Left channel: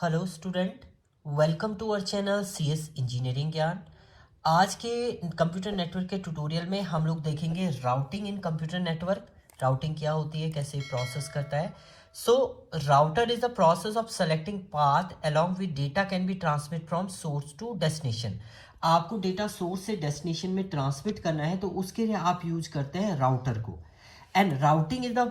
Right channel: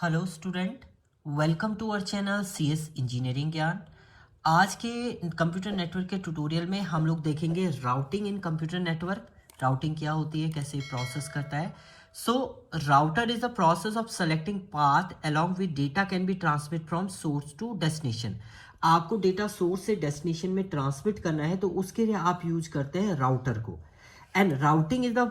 Hello student, welcome to our channel CS engineering Gyan. आज के computer network के tutorial में हम लोग देखेंगे routing in computer network. Routing क्या होती है, कैसे प्रोसेस करता है। So router is the process of selecting path along with data can be transmit from source to destination. आपको डेटा सोर्स से डेस्टिनेशन में ट्रांसमिट करना है तो उसके लिए आप यूज करते हैं राउटर को। And routing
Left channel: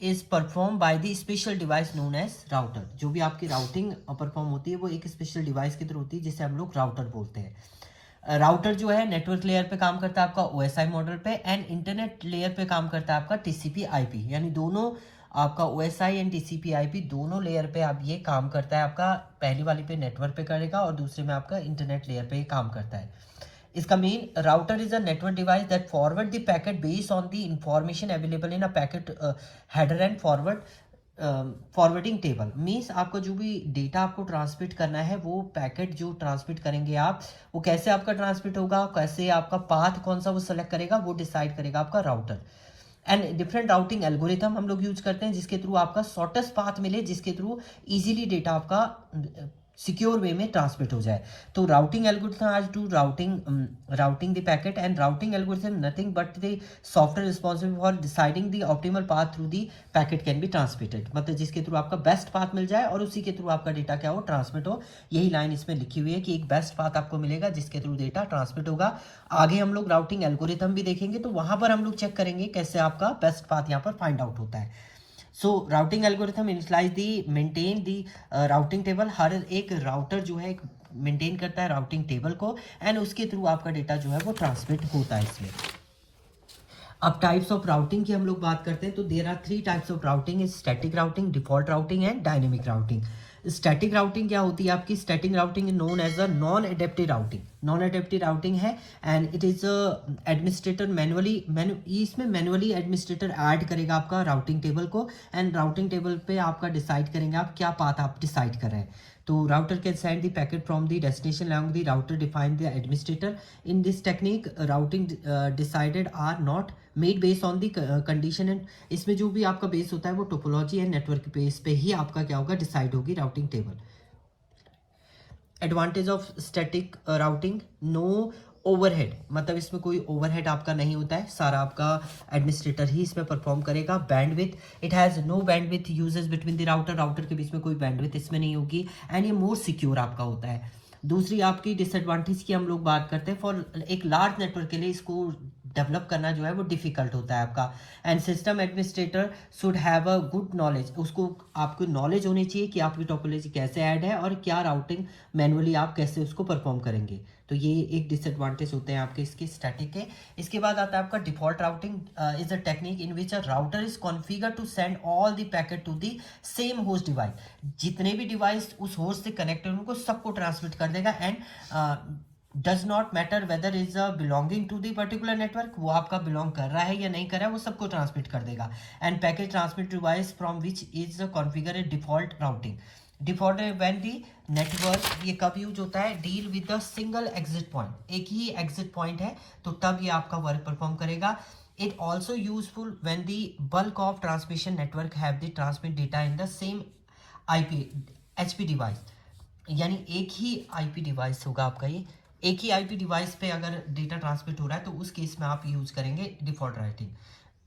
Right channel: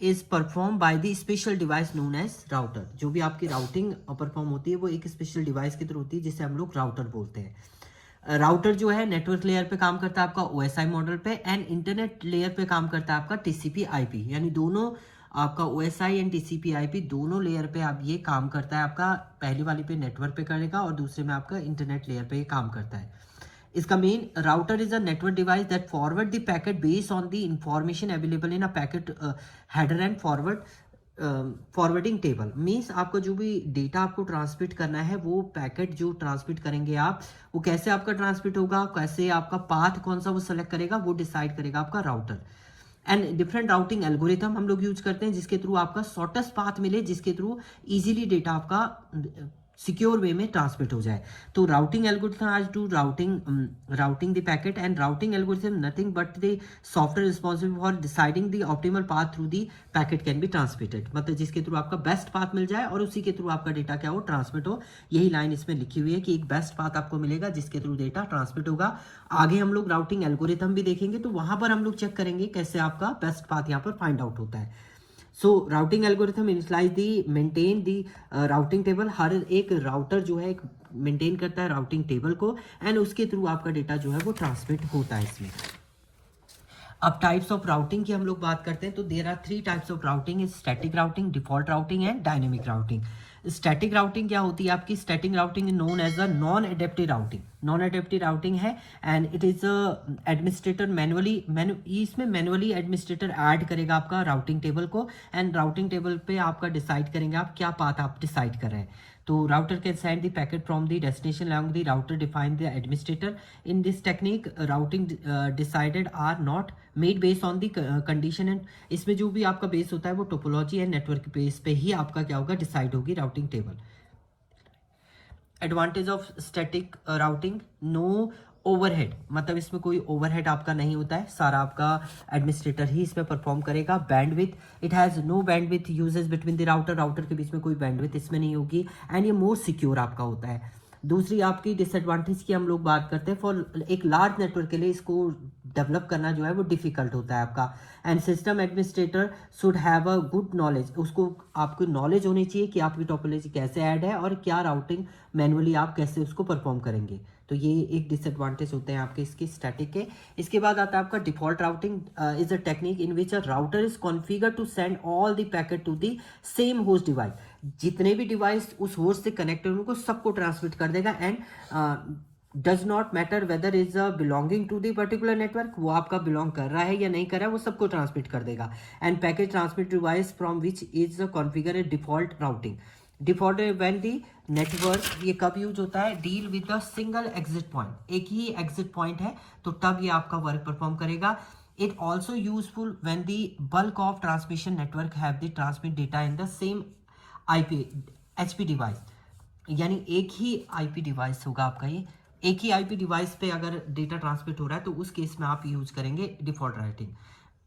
is perform by the special device known as router. जो भी आपकी राउटिंग परफॉर्म होती है वो एक स्पेशल डिवाइस की तरह होती है जिसे हम लोग राउटर बोलते हैं। राउटर जो है नेटवर्क लेयर पे काम करता है आपका ओएसआई मॉडल पे, एंड इंटरनेट लेयर पे काम करता है आपका टीसीपी आईपी। यानी दोनों आपका ओएसआई एंड टीसीपी आईपी दोनों लेयर पे आप ये काम करता है। आपका पहली वाली पे नेटवर्क पे करेगा और दूसरी में आपका इंटरनेट लेयर पे काम करता है। इसका main router is a network device that forward the packet based on the information available in a packet header and forwarding table. Means आपका जो भी डेटा आपको ट्रांसमिट करना है वो पैकेट जो ट्रांसमिट करेंगे आप, वो कैसे आपका ट्रांसमिट होगा, कैसे आपका पाथ कौन सा वो सेलेक्ट करेगा, वो डिसाइड करेगा आपका router. And different routing algorithm हम लोग यूज करते हैं जिसके थ्रू आपका शॉर्टेस्ट पाथ मिले, जिसके थ्रू इजीली डेटा आपका सिक्योर वे में ट्रांसमिट हो जाए। तो राउटिंग एल्गोरिथम आज to routing the packet, and routing algorithm nothing but the software responsible for deciding the optimal path through the packet can be transmitted. मतलब जिसके through आपका best path मिल जाए और उसी के थ्रू आपका डेटा क्या हो, ट्रांसमिट हो। यही लाइन इसमें लिखी हुई है कि एक बेस्ट पाथ आपको मिलेगा जिसके थ्रू डेटा ट्रांसमिट होगा। आगे हम लोग राउटिंग एल्गोरिथम भी देखेंगे तो वहां पर हम लोग चेक करेंगे कैसे आपका बेस्ट पाथ यहाँ पर फाइंड आउट होता है। So routing algorithm implies the maintain the routing table. हर एक राउटर जो है मेंटेन करता है राउटिंग टेबल को, एंड उसके थ्रू आपका डेटा जो है वो ट्रांसमिट होता है इसमें। अब टाइप्स ऑफ राउटिंग की हम लोग बात करते हैं तो there are three types of routing: static routing, default routing and dynamic routing. Static routing क्या होती है आपकी? Static routing known as a non adaptive routing. Non adaptive routing है एंड इट इज एडमिनिस्ट्रेटर इसमें मैनुअली एडमिनिस्ट्रेटर ऐड करेगा आपका routing table को, and routing table पे आपका डिसाइड करेंगे आप क्या पाथ आप डिसाइड कर रहे हैं। तो router can send the packet from the destination along the router define the administrator. In this technique, routing decided are not made based on the condition, and इसमें जो भी आपका बेस होता है वो टोपोलॉजी एंड नेटवर्क बेस पे ही आपका क्या होगा, डिसाइड होगी routing table. Advantage of static routing: no overhead, मतलब इसमें कोई ओवरहेड आपका नहीं होता है, सारा आपका एडमिनिस्ट्रेटर ही इसमें परफॉर्म करेगा। Bandwidth: it has no bandwidth uses between the router के बीच में कोई बैंडविथ इसमें नहीं होगी, एंड ये मोर सिक्योर आपका होता है। दूसरी आपकी डिसएडवांटेज की हम लोग बात करते हैं, फॉर एक लार्ज नेटवर्क के लिए इसको डेवलप करना जो है वो डिफिकल्ट होता है आपका। And system administrator should have a good knowledge, उसको आपको नॉलेज होनी चाहिए कि आपकी टोपोलॉजी कैसे ऐड है और क्या राउटिंग मैनुअली आप कैसे उसको परफॉर्म करेंगे। तो ये एक डिसएडवांटेज होते हैं आपके इसके स्टैटिक के। इसके बाद आता है आपका default routing is a technique in which a router is configure to send all the packet to the same host device. जितने भी डिवाइस उस होस्ट से कनेक्टेड उनको सबको ट्रांसमिट कर देगा, and does not matter whether is belonging to the particular network, वो आपका बिलोंग कर रहा है या नहीं कर रहा है, वो सबको ट्रांसमिट कर देगा। End packet transmit device from which is configure A default routing. Default when the network, ये कब यूज होता है? Deal with a single exit point, एक ही एग्जिट पॉइंट है तो तब ये आपका वर्क परफॉर्म करेगा। It also useful when the bulk of transmission network have the transmit data in the same IP HP device. यानी एक ही आईपी डिवाइस होगा आपका, ये एक ही आईपी डिवाइस पे अगर डेटा ट्रांसमिट हो रहा है तो उस केस में आप यूज करेंगे डिफॉल्ट राउटिंग।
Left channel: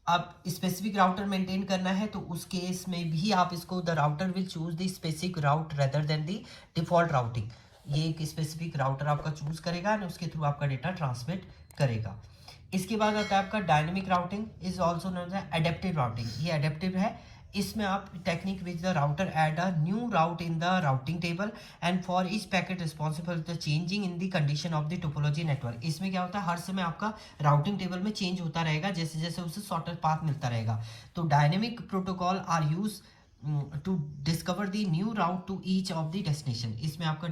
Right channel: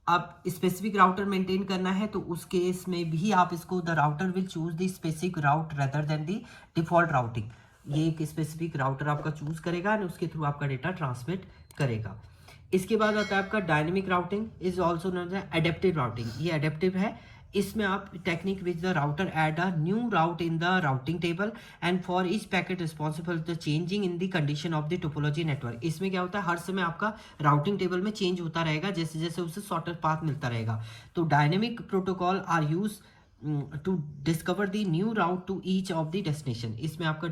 अब स्पेसिफिक राउटर मेंटेन करना है तो उस केस में भी आप इसको, the router will choose the specific route rather than the default routing. ये एक स्पेसिफिक राउटर आपका चूज करेगा और उसके थ्रू आपका डेटा ट्रांसमिट करेगा। इसके बाद आता है आपका dynamic routing, is also known as adaptive routing. ये एडेप्टिव है, इसमें आप technique which the router add a new route in the routing table and for each packet responsible the changing in the condition of the topology network. इसमें क्या होता है, हर समय आपका राउटिंग टेबल में चेंज होता रहेगा जैसे जैसे उसे शॉर्टेस्ट पाथ मिलता रहेगा। तो dynamic protocol are use to discover the new route to each of the destination. इसमें आपका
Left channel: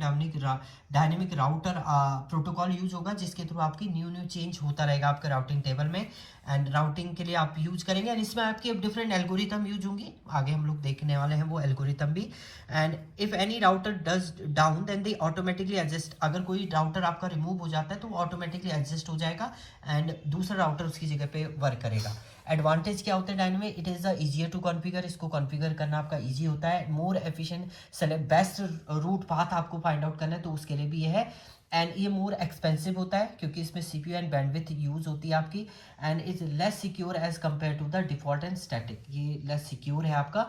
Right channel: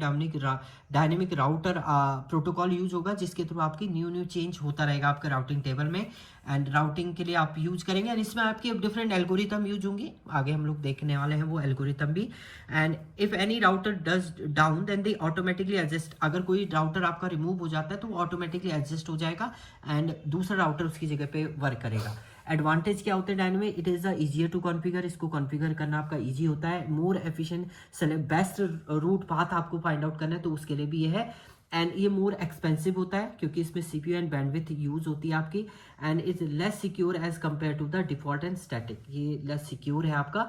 डायनेमिक राउटर प्रोटोकॉल यूज होगा जिसके थ्रू आपकी न्यू चेंज होता रहेगा आपके राउटिंग टेबल में, एंड राउटिंग के लिए आप यूज करेंगे। एंड इसमें आपकी डिफरेंट एल्गोरिथम यूज होंगी, आगे हम लोग देखने वाले हैं वो एल्गोरिथम भी। And if any router does down then they automatically adjust, अगर कोई राउटर आपका रिमूव हो जाता है तो ऑटोमेटिकली एडजस्ट हो जाएगा एंड दूसरा राउटर उसकी जगह पे वर्क करेगा। एडवांटेज क्या होते हैं dynamic, it is easier to configure, इसको कॉन्फ़िगर करना आपका ईजी होता है, more efficient, best route path आपको फाइंड आउट करना है तो उसके लिए भी ये है। एंड ये मोर एक्सपेंसिव होता है क्योंकि इसमें सीपीयू एंड बैंडविड्थ यूज होती है आपकी, and is less secure as compare to the default and static, ये लेस सिक्योर है आपका।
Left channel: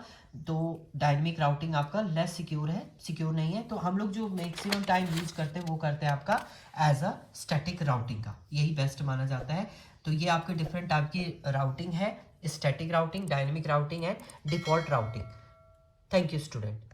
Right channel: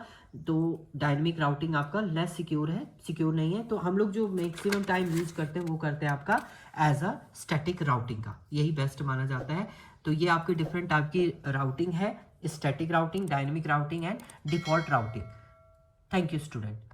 तो डायनेमिक राउटिंग आपका लेस सिक्योर है, सिक्योर नहीं है, तो हम लोग जो मैक्सिमम टाइम यूज करते हैं वो करते हैं आपका एज अ स्टैटिक राउटिंग का, यही बेस्ट माना जाता है। तो ये आपके डिफरेंट टाइप की राउटिंग है, static routing, dynamic routing and default routing. Thank you student.